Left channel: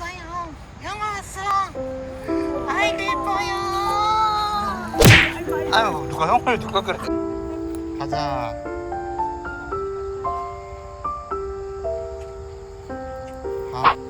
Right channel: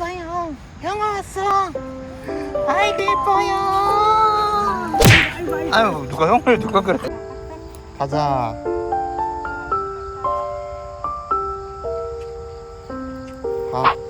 왔어요. 영화 왔어. 아이고 예뻐요. 아유 누가 형을 누가 그래? 가자. 아.